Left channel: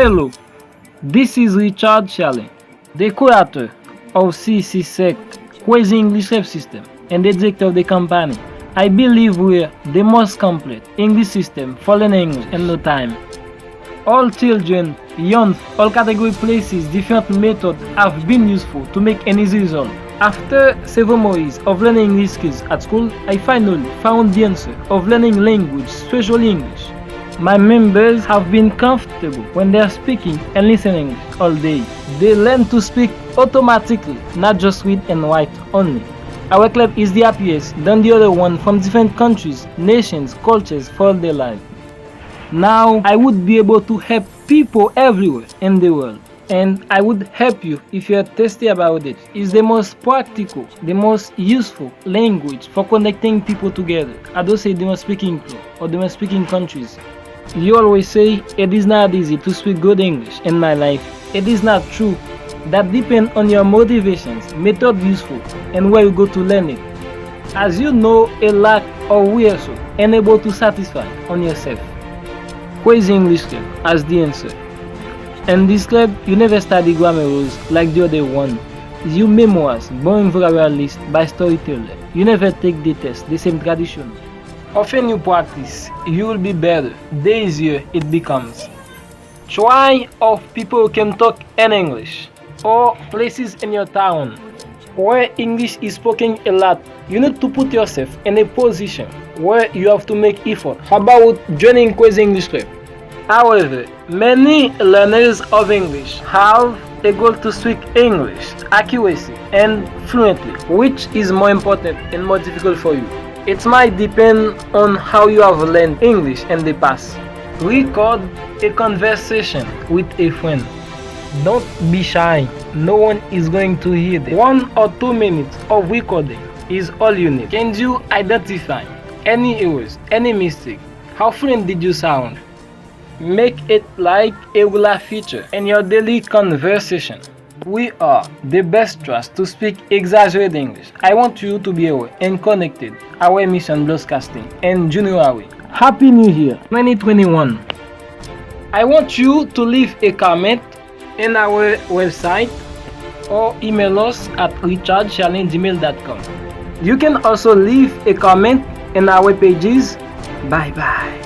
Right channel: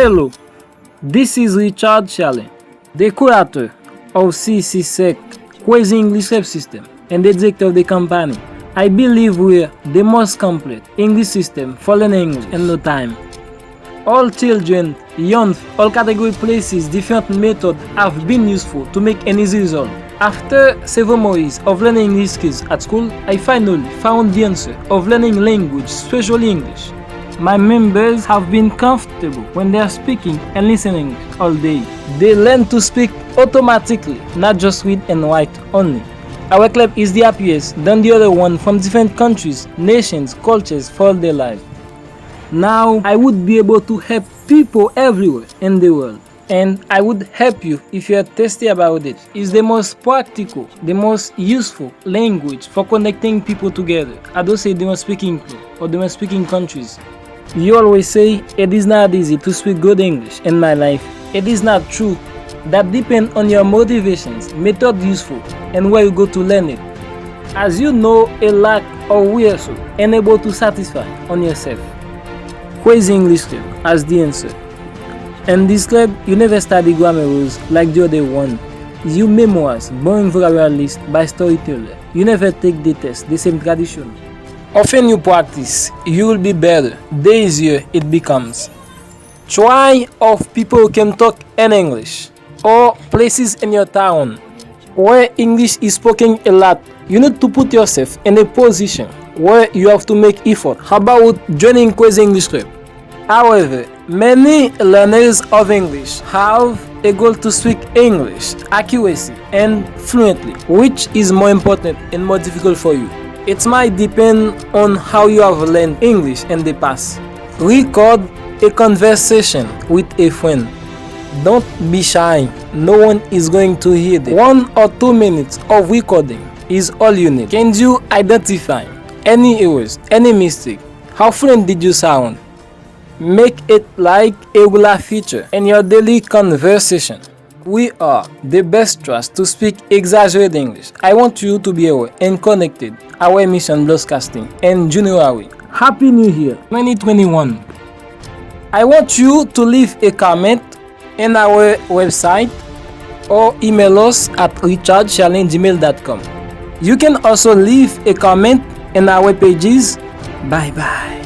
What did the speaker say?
Hello, this is Richard Challen, the creator of CC Crazy English System and the director of the company. I believe we're the most complete English system for learning English in no time. All children, young, all category places, different methods have been useful to make an easy result. After several years of learning English skills at school, I finally found the answer of learning language, especially English. My members have been comfortable when they are speaking and listening all day. They learn to speak automatically, not just read and write only. Our club is the happiest than the other one from different countries, nations, cultures for all their life. Now I would be able to help people everywhere in the world. And I would help you if you are thirsty about it. It's the most practical, the most useful language for connecting people together. I don't say the most speaking people or the most speaking countries. You always say it is not easy to speak good English in my life. It is not true. That depends on your motivations, method useful, and where you go to learn it. As you know a lot or we are so, and able to satisfy on yourself. Crazy English Club as the answer. In this club, you never study grammar rules like the other one. You memorize boring vocabulary list by storyteller. You never take the test, the same tradition. Often you practice, you will be better. The easier it becomes. Try of people who can talk in English or places in your town where English is spoken a lot. You need to put yourself in a position where you have to make effort. How about joining Crazy English Club? However, many learners of English have a goal to speak English accuracy and fluently, which is more important and more difficult for you. It might depend on how you have learned English in the past. Record a conversation with a friend. Don't be shy. No one is going to hear it. 1 or 2 minutes of recording is all you need. Can you identify any errors, any mistake? How fluent did you sound? Make it like a regular feature in your daily conversation. We are the best trust to speak exaggerated English. I want you to be aware and connected. Our emission broadcasting in January. Happy New Year 2021. I want you to leave a comment in our website or email us at richardchallen@gmail.com. You can also leave a comment in our pages. Bye bye.